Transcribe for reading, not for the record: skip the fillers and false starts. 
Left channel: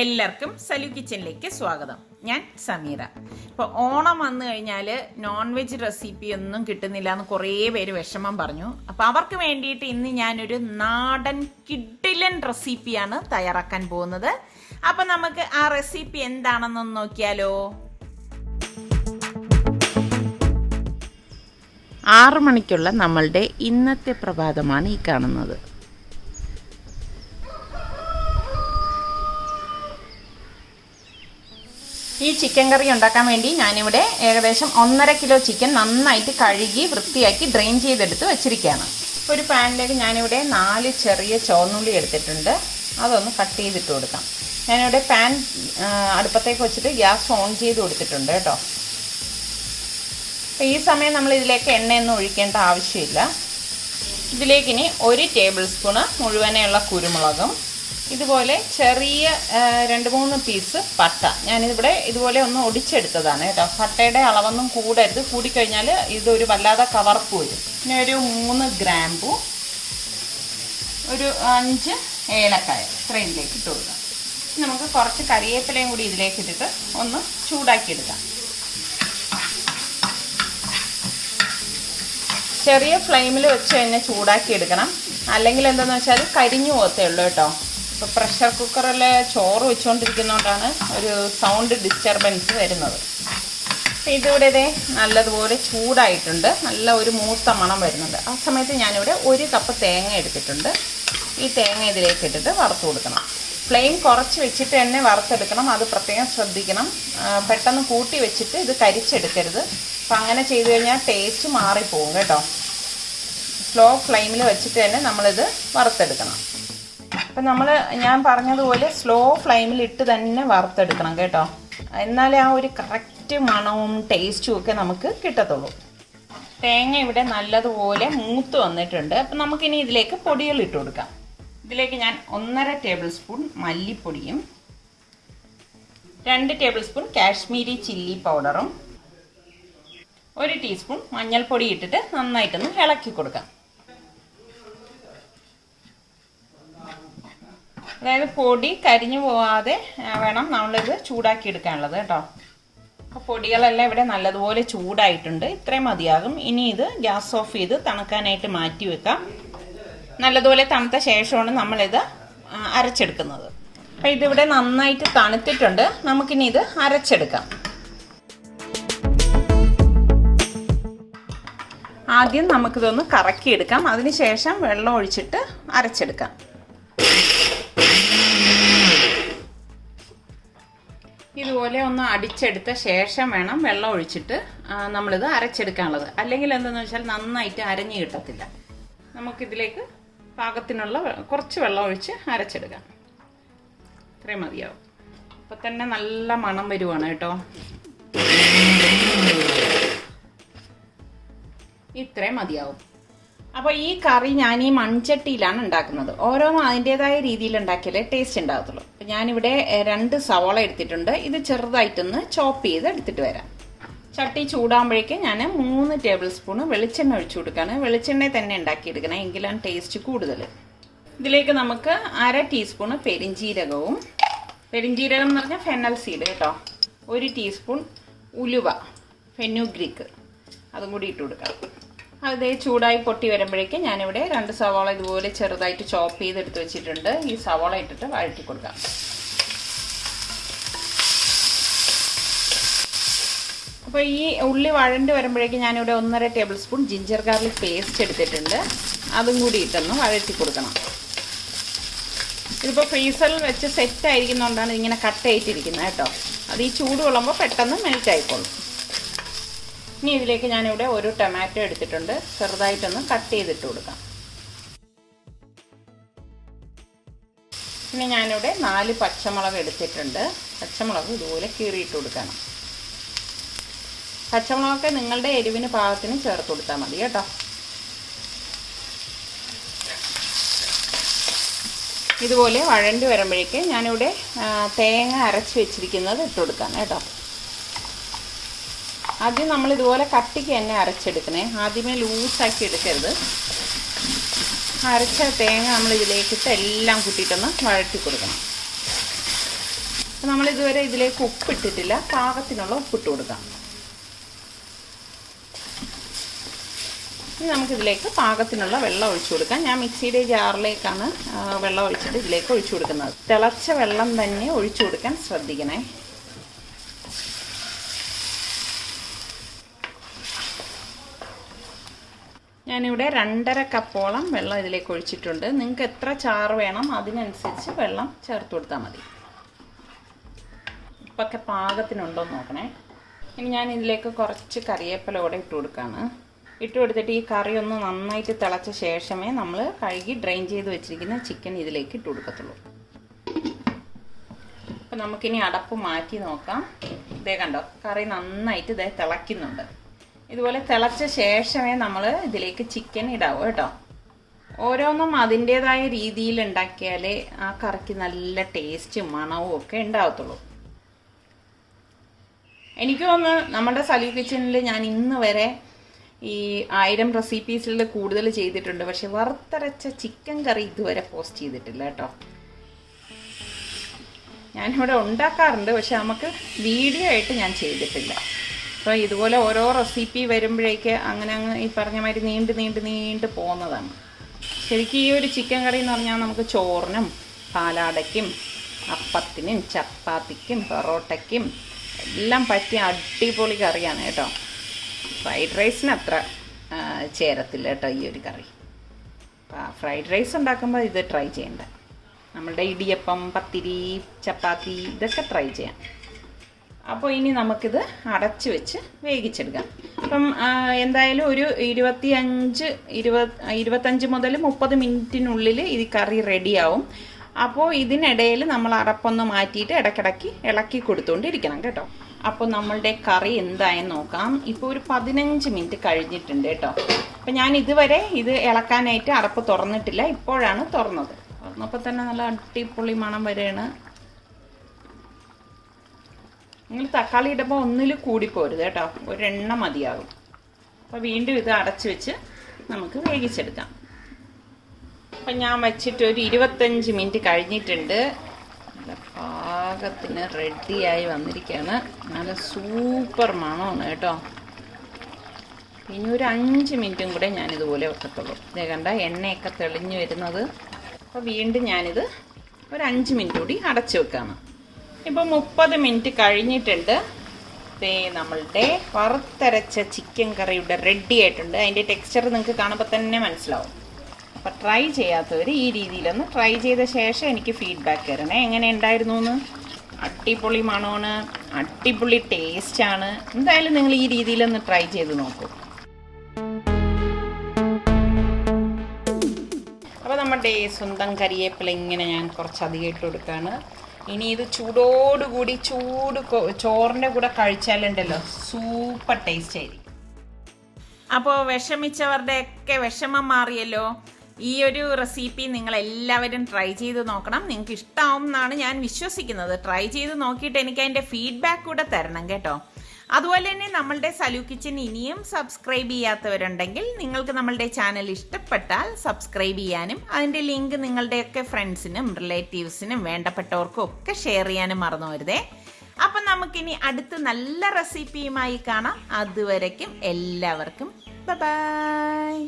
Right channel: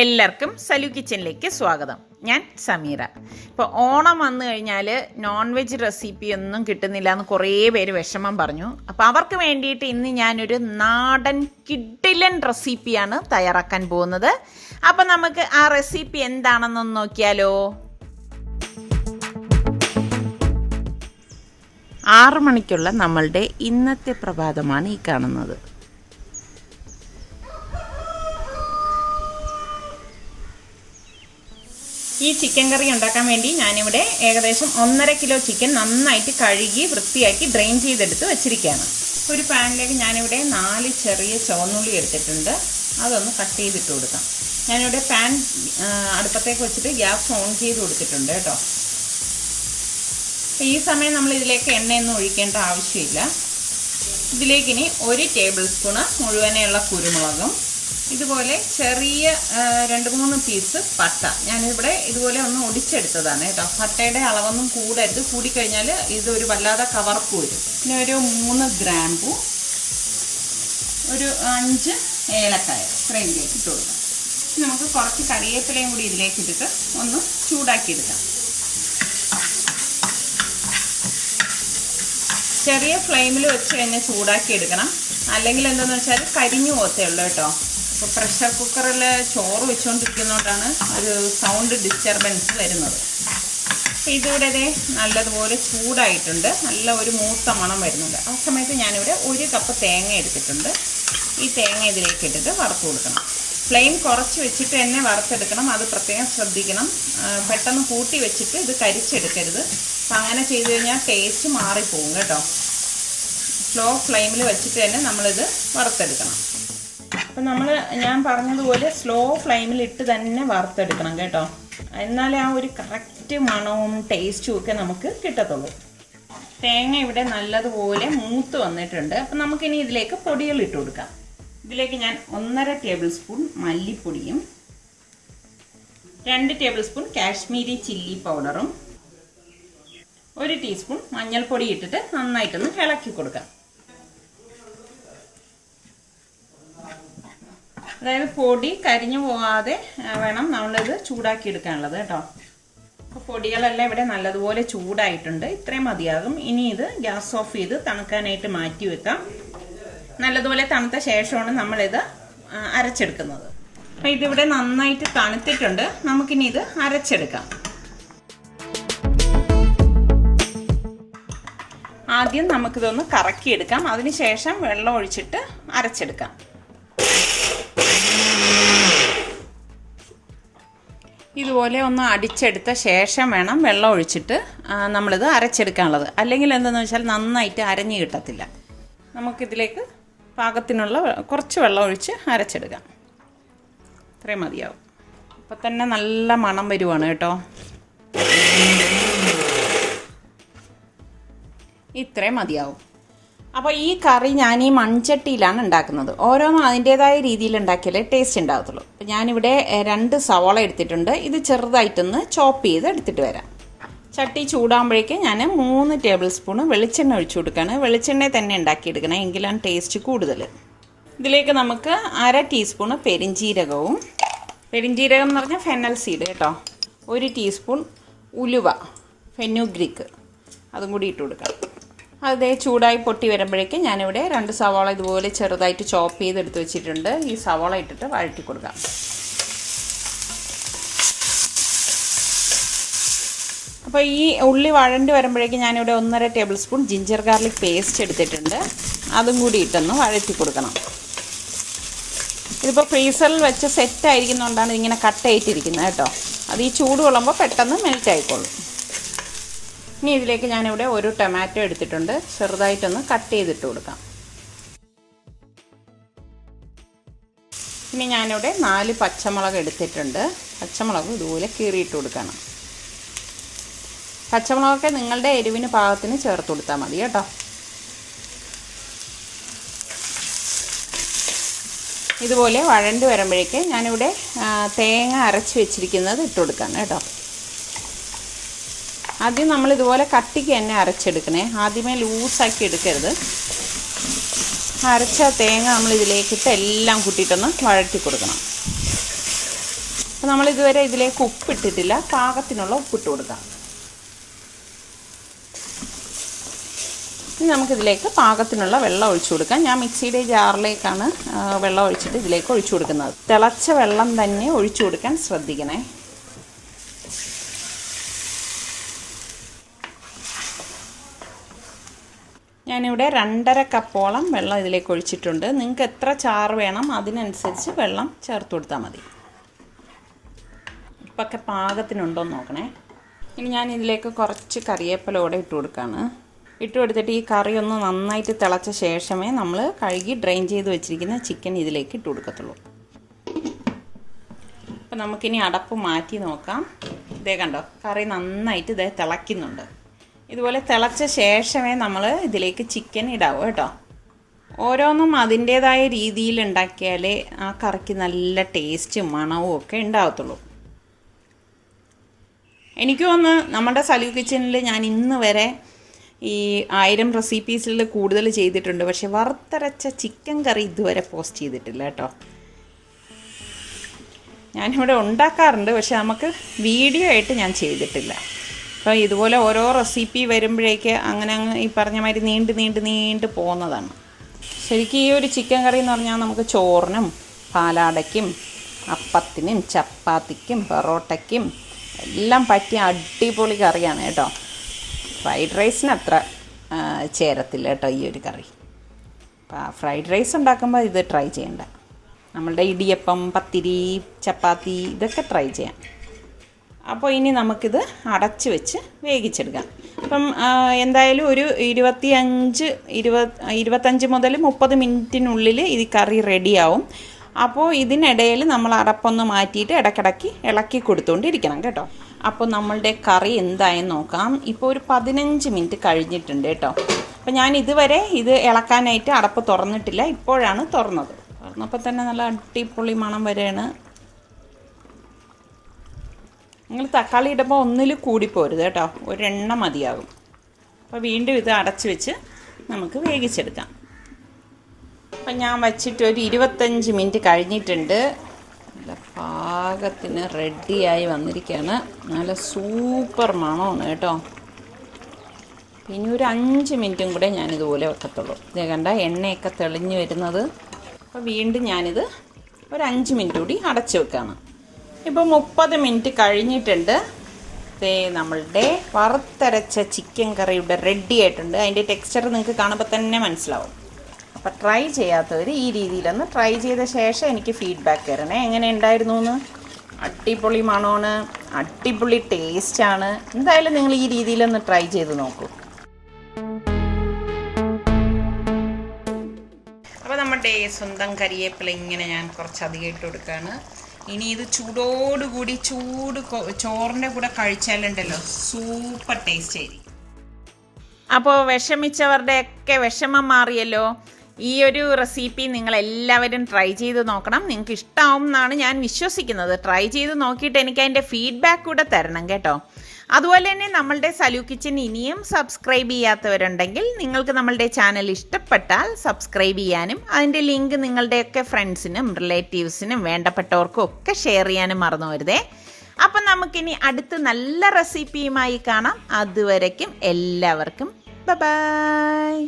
എല്ലാവർക്കും സലു കിച്ചനിലേക്ക് സ്വാഗതം. ഞാൻ സമീറ. ഇപ്പോൾ ഓണം വന്നു കഴിഞ്ഞാൽ നോൺ വെജ് റെസിപ്പി ഒന്നും കിട്ടുന്നില്ല എന്ന് കുറേ പേര് വിഷമം പറഞ്ഞു. അപ്പോൾ അവർക്ക് വേണ്ടിയിട്ട് ഇന്ന് ഞാനൊരു നാടൻ കിഡിലൻ റെസിപ്പിയാണ് തയ്യാറാക്കാൻ പോകുന്നത്. അപ്പം നമുക്ക് ആ റെസിപ്പി എന്താണെന്നൊന്ന് നോക്കിയാലോ. 6 മണിക്കുള്ള നമ്മളുടെ ഇന്നത്തെ പ്രഭാതമാണ് ഈ കാണുന്നത്. ഈ ചിക്കൻ കറി ഉണ്ടാക്കാൻ വേണ്ടി ഞാനിവിടെ ഏകദേശം 1.5 കിലോ ചിക്കൻ നന്നായിട്ട് കഴുകി വൃത്തിയാക്കി ഡ്രെയിൻ ചെയ്തെടുത്ത് വെച്ചിരിക്കുകയാണ്. ഒരു പാനിലേക്ക് ഞാനിവിടെ 4 ചെറിയ ചുവന്നുള്ളി എടുത്തിട്ടുണ്ട്. അതൊന്ന് കട്ട് ചെയ്തിട്ട് കൊടുക്കാം. ഞാനിവിടെ പാൻ അടുപ്പത്തേക്ക് വെച്ചിട്ട് ഗ്യാസ് ഓൺ ചെയ്ത് കൊടുത്തിട്ടുണ്ട് കേട്ടോ. ഈ സമയം നമ്മൾ ഇതിലേക്ക് എണ്ണയൊന്നും ഒഴിക്കേണ്ട ആവശ്യമില്ല. ഇതിലേക്ക് ഇനി 1 ടേബിൾ സ്പൂണ് മുഴുവനെയുള്ള കുരുമുളകും, ഇതുപോലെ ചെറിയ 2-3 പീസ് പട്ട. ഞാനിവിടെ ഇതുപോലെ ഒന്ന് ഒടിച്ചെടുത്തതാണ് കേട്ടോ. പട്ടയുടെ അളവൊന്നും കൂടരുത്, കൂടിക്കഴിഞ്ഞാൽ ഇതൊരു വല്ലാതെ കവർപ്പ് വരും. പിന്നെ ഒരു 3 ഗ്രാമ്പു, ഒരു 5 ഏലക്കായ ഇത്രയിലേക്ക് ഇട്ട് കൊടുക്കാം. നമുക്ക് കുറച്ച് കരിവേപ്പിലയും കൂടി ഇതിലേക്ക് ഇട്ടിട്ട് ഒന്ന് ചൂടാക്കിയെടുക്കാം. ചെറിയ ഫ്ലെയിമിൽ വെച്ച് തന്നെ ചൂടാക്കിയെടുക്കണം, അല്ലെങ്കിൽ എന്താണെന്ന് വെച്ചാൽ കരിഞ്ഞു പോകത്തേ ഉള്ളൂ കേട്ടോ. ഇപ്പോൾ പ്രഷർ കുക്കറിൽ ചോറ് വെച്ചുകൊണ്ടിരിക്കുന്നതുകൊണ്ടാണ് ഒരു സൗണ്ട് ഡിസ്റ്റർബൻസ് വരുന്നത്. ഇതിവിടെ നല്ലതുപോലെ ചൂടായിട്ടുണ്ട്, നല്ല ഒരു മൂത്ത മണം വരുന്നുണ്ട്. ആ സമയത്ത് ഞാനിവിടെ 1 കപ്പ് തേങ്ങ എടുത്തിട്ടുണ്ട്. ഈ തേങ്ങ ഇതിലേക്ക് ഇട്ടിട്ട് വറുത്ത് കൊടുക്കണം. ഫ്ലെയിം കുറച്ച് വെച്ചിട്ട് തന്നെ വറുത്തെടുക്കണം, അത് പ്രത്യേകം ശ്രദ്ധിക്കണം. പെട്ടെന്ന് കൂട്ടി വെച്ചിട്ട് ഇത് കരിച്ചെടുക്കരുത്. അപ്പം അങ്ങനെ ചെയ്ത് കഴിഞ്ഞാൽ ടേസ്റ്റ് മാറിപ്പോകും കേട്ടോ. സ്ലോ ഫ്ലെയിമിൽ വെച്ചിട്ട് തന്നെ നമ്മളിത് വറുത്തെടുക്കണം. അപ്പം ഞാൻ പറഞ്ഞതുപോലെ സ്ലോ ഫ്ലെയിമിൽ ഇട്ട് തന്നെ വറുത്തെടുക്കണം കേട്ടോ. എന്നാലേ ആ ഒരു കറക്റ്റ് മണവും ടേസ്റ്റും ഒക്കെ നമുക്ക് കിട്ടത്തുള്ളൂ. തേങ്ങ ഇവിടെ നല്ലതുപോലെ മൂത്ത് വന്നിട്ടുണ്ട്. അപ്പം നമുക്കിനി ഇതിലേക്ക് പൊടികൾ ഇട്ട് കൊടുക്കാം. ഇതിലേക്ക് ഞാൻ 1.5 ടേബിൾ സ്പൂൺ മല്ലിപ്പൊടിയും 2 ടേബിൾ സ്പൂൺ കാശ്മീരി ചില്ലി പൗഡറും 1 ടീസ്പൂൺ മഞ്ഞൾപ്പൊടി ഇട്ടിട്ട് നന്നായിട്ടൊന്ന് ഇളക്കി കൊടുക്കാം. അതായത് പൊടി കരിഞ്ഞു പോകാതെ വേണം നമ്മളിത് ചൂടാക്കി എടുക്കാനുള്ളത് കേട്ടോ. അപ്പോൾ പൊടികളെല്ലാം ഇവിടെ നല്ലതുപോലെ ചൂടായിട്ടുണ്ട്. ഇത്രയും മതിയാകും. ഇനി ഇത് ഗ്യാസ് ഓഫ് ചെയ്ത് തണുക്കാനായിട്ട് മാറ്റി വെക്കാം. നല്ലതുപോലെ തണുത്ത ശേഷമാണ് നമ്മളിത് അരച്ചെടുക്കുന്നത്. അപ്പോൾ ഇതിവിടെ നന്നായിട്ട് തണുത്തിട്ടുണ്ട്. നമുക്കിനി ഇത് അരച്ചെടുക്കാം. ആദ്യം നമുക്കിതൊന്ന് കറക്കിയെടുക്കാം, അതിനുശേഷം വെള്ളം ഒഴിച്ചിട്ട് അരച്ചെടുക്കാം. ഇതുപോലെ ഒന്ന് അടിച്ചെടുത്ത ശേഷം വേണം വെള്ളം ഒഴിച്ചിട്ട് നമ്മളിത് അരച്ചെടുക്കാനുള്ളത്. അല്ലെങ്കിൽ എന്താണെന്ന് വെച്ചാൽ നന്നായിട്ട് അരഞ്ഞു കിട്ടത്തില്ല. നമുക്കിതിലേക്ക് പാകത്തിനുള്ള കുറച്ച് വെള്ളം ഒഴിച്ച് അരച്ചെടുക്കാം. ഇത്രയും മതിയാവും. അപ്പോൾ തന്നെ നല്ല മണം വരുവാണ് കേട്ടോ. ഇത്രയും മതിയാവും. അപ്പോൾ ഈ കറി ഞാൻ ഈ മൺചട്ടിയിലാണ് ഉണ്ടാക്കുന്നത്. ഓരോന്നും അതിൻ്റേതായ രീതിയിൽ ഉണ്ടാക്കിയാലേ ടേസ്റ്റ് ഉണ്ടാകത്തുള്ളൂ. അപ്പോൾ ഞാനിവിടെ 2 സവാള എടുത്തിട്ടുണ്ട്. ഇത് ചെറുതായിട്ടൊന്ന് ചോപ്പ് ചെയ്ത് എടുത്തിട്ട് വരാം. ചട്ടി ചൂടാകുമ്പോഴേക്ക് ഞാൻ 3 ടേബിൾ സ്പൂൺ വെളിച്ചെണ്ണ ഒഴിച്ചു കൊടുക്കുകയാണ്. വെളിച്ചെണ്ണ തന്നെ ഉണ്ടാക്കിയെടുക്കണം, എങ്കിലാണ് ടേസ്റ്റ് കൂടുതൽ. ഇതിലേക്ക് നമുക്ക് 1/2 ടീസ്പൂൺ പെരിഞ്ജീരകവും, പെരിഞ്ജീരകം എന്ന് പറഞ്ഞാൽ ഫെനൽ സീഡ് കേട്ടോ, 1 ടീസ്പൂൺ ഉലുവ ഫെനുഗ്രീക്ക്, അതും കൂടി ഇട്ട് കൊടുക്കാം. അത് ചൂടായി പൊട്ടി വരുമ്പോഴേക്ക് ഞാനിവിടെ 2 സവാള ഇതുപോലെ ചെറുതായിട്ട് ചോപ്പ് ചെയ്തെടുത്ത് വെച്ചിട്ടുണ്ട്. ഈ സവാള ഇട്ടിട്ട് വഴറ്റി കൊടുക്കാം. അപ്പോൾ ഈ ഉള്ളി വഴണ്ടി വരുമ്പോഴേക്ക് ഞാനിവിടെ 1.5 table spoon ginger garlic paste എടുത്തിട്ടുണ്ട്. അതും കൂടി ഇട്ടൊന്ന് വഴറ്റി കൊടുക്കണം. ഇതിപ്പോൾ ഫ്രീസറിൽ വെച്ച് സെറ്റ് ആയിരിക്കുന്നതുകൊണ്ടാണ് ഇതിങ്ങനെ കട്ടയായിട്ടിരിക്കുന്നത് കേട്ടോ. അത് ഈ ചൂട് കൊള്ളുമ്പോൾ പെട്ടെന്ന് മെൽറ്റ് ആയിക്കോളും. ഇനി ഇതിലേക്ക് ഞാനിവിടെ 1 ടൊമാറ്റോ എടുത്തിട്ടുണ്ട്. ചെറുതായിട്ടൊന്ന് കട്ട് ചെയ്തിട്ട് കൊടുക്കാം. ഇനി ഞാനിവിടെ 4 പച്ചമുളക് എടുത്തിട്ടുണ്ട്. പച്ചമുളക് ഇതുപോലെ കീറിയിട്ട് കൊടുക്കണം. പച്ചമുളകൊക്കെ നിങ്ങളുടെ എരിവിന് പാകത്തിന് ചേർത്ത് കൊടുത്താൽ മതി കേട്ടോ. ഇതുപോലെ വഴണ്ട് വരുമ്പോഴേക്ക് ഞാനിവിടെ തേങ്ങ അരച്ച് വെച്ചിരിക്കുന്നത് ഇട്ട് കൊടുക്കാം കേട്ടോ. ആദ്യം നമ്മളിതുപോലെ കട്ടിക്ക് തന്നെ അരച്ചെടുക്കണേ, ആദ്യമേ ലൂസാക്കി എടുക്കരുത്. അരച്ച തേങ്ങ നമ്മൾ ഇതിലേക്കിട്ട് എല്ലാം കൂട്ടിയിട്ടൊന്ന് വഴറ്റി കൊടുക്കണം. അപ്പോൾ നമ്മളിതുവരെ ഇതിലേക്ക് ഉപ്പിട്ടിട്ടില്ല. പാകത്തിനുള്ള ഉപ്പിട്ട് കൊടുക്കാം. ഇനി നമുക്കിതിലേക്ക് പാകത്തിനുള്ള വെള്ളം ഒഴിച്ചു കൊടുക്കാം. ഞാൻ മിക്സിയുടെ ജാറിലേക്കാണ് വെള്ളം ഒഴിച്ചിട്ട് ഇതിലേക്ക് ഒഴിച്ചു കൊടുക്കുന്നത്. തിളച്ച വെള്ളം തന്നെ ഒഴിച്ചു കൊടുക്കാൻ ശ്രദ്ധിക്കണേ. ഞാനിവിടെ 2.5 കപ്പോളം വെള്ളം ഇതിലേക്ക് ഒഴിച്ചിട്ടുണ്ട്. നിങ്ങൾക്ക് എത്ര ചാറ് വേണം അതിനനുസരിച്ച് വെള്ളം ചേർത്ത് കൊടുത്താൽ മതി. ഇപ്പൊക്കെ പാകത്തിനുണ്ടോയെന്ന് നോക്കണേ. ഇനി ഞാൻ ഇതിലേക്ക് കുറച്ച് കറിവേപ്പിലയോടെ ഇട്ട് കൊടുക്കുകയാണ്. ഇട്ട് കൊടുത്തിട്ട് ഈ കറി ഒന്ന് നന്നായിട്ട് തിളച്ച ശേഷമേ നമ്മൾ കഴുകി ഡ്രെയിൻ ചെയ്ത് വെച്ചിരിക്കുന്ന ചിക്കൻ ഇതിലേക്ക് ഇട്ട് കൊടുക്കത്തുള്ളൂ. അപ്പം നമുക്കിനി അടപ്പ് മാറ്റി നോക്കാം. ഇതേ കണ്ടോ, കറി നന്നായിട്ട് ഇതേ തിളയ്ക്കുന്നുണ്ട്. ഇതുപോലെ തിളച്ച ശേഷമേ നമ്മൾ ഇതിലേക്ക് ചിക്കൻ ഇടാവൂ കേട്ടോ. ഓരോന്നും അതിൻ്റേതായ രീതിയിൽ ഉണ്ടാക്കിയാലേ ആ കറിക്ക് നല്ല ടേസ്റ്റും മണവും ഒക്കെ ഉണ്ടാകത്തുള്ളൂ. എനിക്ക് തോന്നുന്നു നമ്മുടെ സലു കിച്ചണിൽ ഞാൻ ഇന്ന് വരെ ഈ 1000 റെസിപ്പീസിൽ കൂടുതൽ ചെയ്തിട്ടുണ്ട്. പക്ഷെ വറുത്തരച്ച ചിക്കൻ കറി ഇതുവരെ പോസ്റ്റ് ചെയ്തിട്ടില്ല കേട്ടോ. ഞാനിവിടെ ഉണ്ടാക്കാറുണ്ട്, പക്ഷെ നമുക്ക് വീഡിയോ ആയിട്ട് ഞാൻ ചെയ്തിട്ടില്ല. അപ്പോൾ ഇതുപോലെ ഓരോ റെസിപ്പി വരുമ്പോഴേക്ക് അങ്ങനെ ഈ പറഞ്ഞ മാതിരി നീണ്ട് പോകുന്നതാണ്. ശരിക്കും ഈ ഒരു ചിക്കൻ കറി എന്ന് പറഞ്ഞാൽ നമുക്ക് ചോറിനും പാലാടയ്ക്കും അപ്പത്തിനും ചപ്പാത്തിക്കും പൊറോട്ടയ്ക്കും എല്ലാം പറ്റിയ അടിപൊളി കറിയാണ് കേട്ടോ. ഫ്രൈഡ് റൈസിന് അത്ര ചേരത്തില്ല കേട്ടോ ഈ ഒരു കറി. ഫ്രൈഡ് റൈസ് ഉണ്ടാക്കുമ്പോൾ ഇത് ട്രൈ ചെയ്യണ്ട. നമ്മളുടെ ഇടിയപ്പം, പത്തിരി, ചപ്പാത്തി ഇതൊക്കെ ട്രൈ ചെയ്യാം. അപ്പോൾ ഇനി നമുക്കിത് അടച്ച് വെച്ച് വേവിച്ചെടുക്കാം. അപ്പം എന്തായാലും ഒരു 25 മുതൽ 30 മിനിറ്റിനുള്ളിൽ ഇത് കറി റെഡിയാവും. അപ്പോൾ ഇതിനിടയിൽ നമ്മൾ അടപ്പൊന്ന് മാറ്റിയിട്ട് ഇടയ്ക്കിടയ്ക്ക് ഇളക്കി കൊടുത്തുകൊണ്ടിരിക്കണം കേട്ടോ. അപ്പോൾ നമ്മളുടെ കറി എന്തായി നോക്കാം. ഇപ്പോൾ ഒരു 15 മിനിറ്റ് കഴിഞ്ഞിട്ടുണ്ട് കേട്ടോ. അപ്പോൾ ഞാൻ ഇതുവരെ ഇത് ഇളക്കാനായിട്ട് അടപ്പ് തുറന്നിട്ടില്ല. ഇപ്പോഴാണ് തുറന്നത്. തുറന്നപ്പോൾ തന്നെ നല്ല അടിപൊളി മണം വരെയാണ്. നിങ്ങൾ തക്കാളി ഇടുമ്പോൾ ഒന്നിൽ കൂടിപ്പോരുത് കേട്ടോ, ഒരെണ്ണം മതിയാകും. അപ്പോൾ വീണ്ടും ഇത് അടച്ച് വെച്ച് നമുക്ക് വേവിച്ചെടുക്കാം. അപ്പം ഞാൻ വച്ചിട്ട് ഒരു 25 മിനിറ്റ് കഴിഞ്ഞിട്ടുണ്ട്. നല്ല പാകത്തിന് റെഡിയായി വന്നിരിക്കുകയാണ്. നല്ല സൂപ്പർ മണമാണ് കേട്ടോ. ഇനി ഒരു 5 മിനിറ്റും കൂടെ ഞാനിതുപോലെ വെക്കത്തുള്ളൂ. ഇതേ കണ്ട എണ്ണയൊക്കെ തെളിഞ്ഞ് വരുന്നത്. അപ്പോൾ വീണ്ടും ഞാനിത് ഒരു 5 മിനിറ്റ് കൂടി അടച്ച് വെക്കാണ്. ഇപ്പോൾ 30 മിനിറ്റ് കഴിഞ്ഞിട്ടുണ്ട്. ദേ നമ്മളുടെ വറുത്തരച്ച ചിക്കൻ കറി ഇവിടെ റെഡി ആയിട്ടുണ്ട്. അതിൻ്റെ ടെക്സ്ചർ നിങ്ങൾക്ക് കാണുമ്പോൾ തന്നെ മനസ്സിലാവും. അപ്പോൾ ട്രൈ ചെയ്യാത്തവർ ഈ രീതിയിലൊന്ന് ട്രൈ ചെയ്ത ശേഷം എനിക്ക് ഫീഡ്ബാക്ക് തരണേ, എങ്ങനെ ഉണ്ടായിരുന്നു എന്ന്. അടിപൊളി മണമാണ്, അടിപൊളി ടേസ്റ്റാണ്. എന്തായാലും നിങ്ങൾ ഈ രീതിയിലൊന്ന് ട്രൈ ചെയ്ത് നോക്കൂ. അപ്പോൾ നമ്മുടെ സ്വന്തം കരിവേപ്പില ഇങ്ങനെ ഞാൻ കുറച്ചധികം ഇട്ട് കൊടുക്കുകയാണ്. ഇനി ഇത് ചൂടോടുകൂടി ചോറിൻ്റെ കൂടെ കഴിച്ചാലുണ്ടല്ലോ സൂപ്പർ ടേസ്റ്റ് ആയിരിക്കും. അപ്പോൾ വിഷമിച്ചവരുടെയൊക്കെ വിഷമം മാറിയല്ലോ. ഈ ഒരു റെസിപ്പി നിങ്ങളെല്ലാവരും ട്രൈ ചെയ്ത് നോക്കണം. നിങ്ങൾക്ക് ഇഷ്ടമാവും എന്നാണ് ഞാൻ വിശ്വസിക്കുന്നത്. ട്രൈ ചെയ്ത് നോക്കിയിട്ട് എനിക്ക് അതിൻ്റെ ഫീഡ്ബാക്ക് കൂടെ തരണം കേട്ടോ. അതുപോലെ തന്നെ നമ്മളുടെ സലു കിച്ചൻ ഇനിയും സബ്സ്ക്രൈബ് ചെയ്യാത്തവരുണ്ടെങ്കിൽ നിങ്ങൾക്ക് നമ്മളുടെ ചാനൽ ഇഷ്ടപ്പെട്ടാൽ സബ്സ്ക്രൈബ് ചെയ്യാനും അതിൻ്റെ ലിങ്ക് നിങ്ങളുടെയൊക്കെ ഫ്രണ്ട്സിനും റിലേറ്റീവ്സിനും വേണ്ടപ്പെട്ടവർക്കും ഒക്കെ ഷെയർ ചെയ്യാനും മറന്നു വരുതേ. അപ്പം നമുക്കിനി അടുത്ത് നല്ല റെസിപ്പിയുമായി കാണാം. അതുവരയ്ക്കും എല്ലാവർക്കും ബൈ.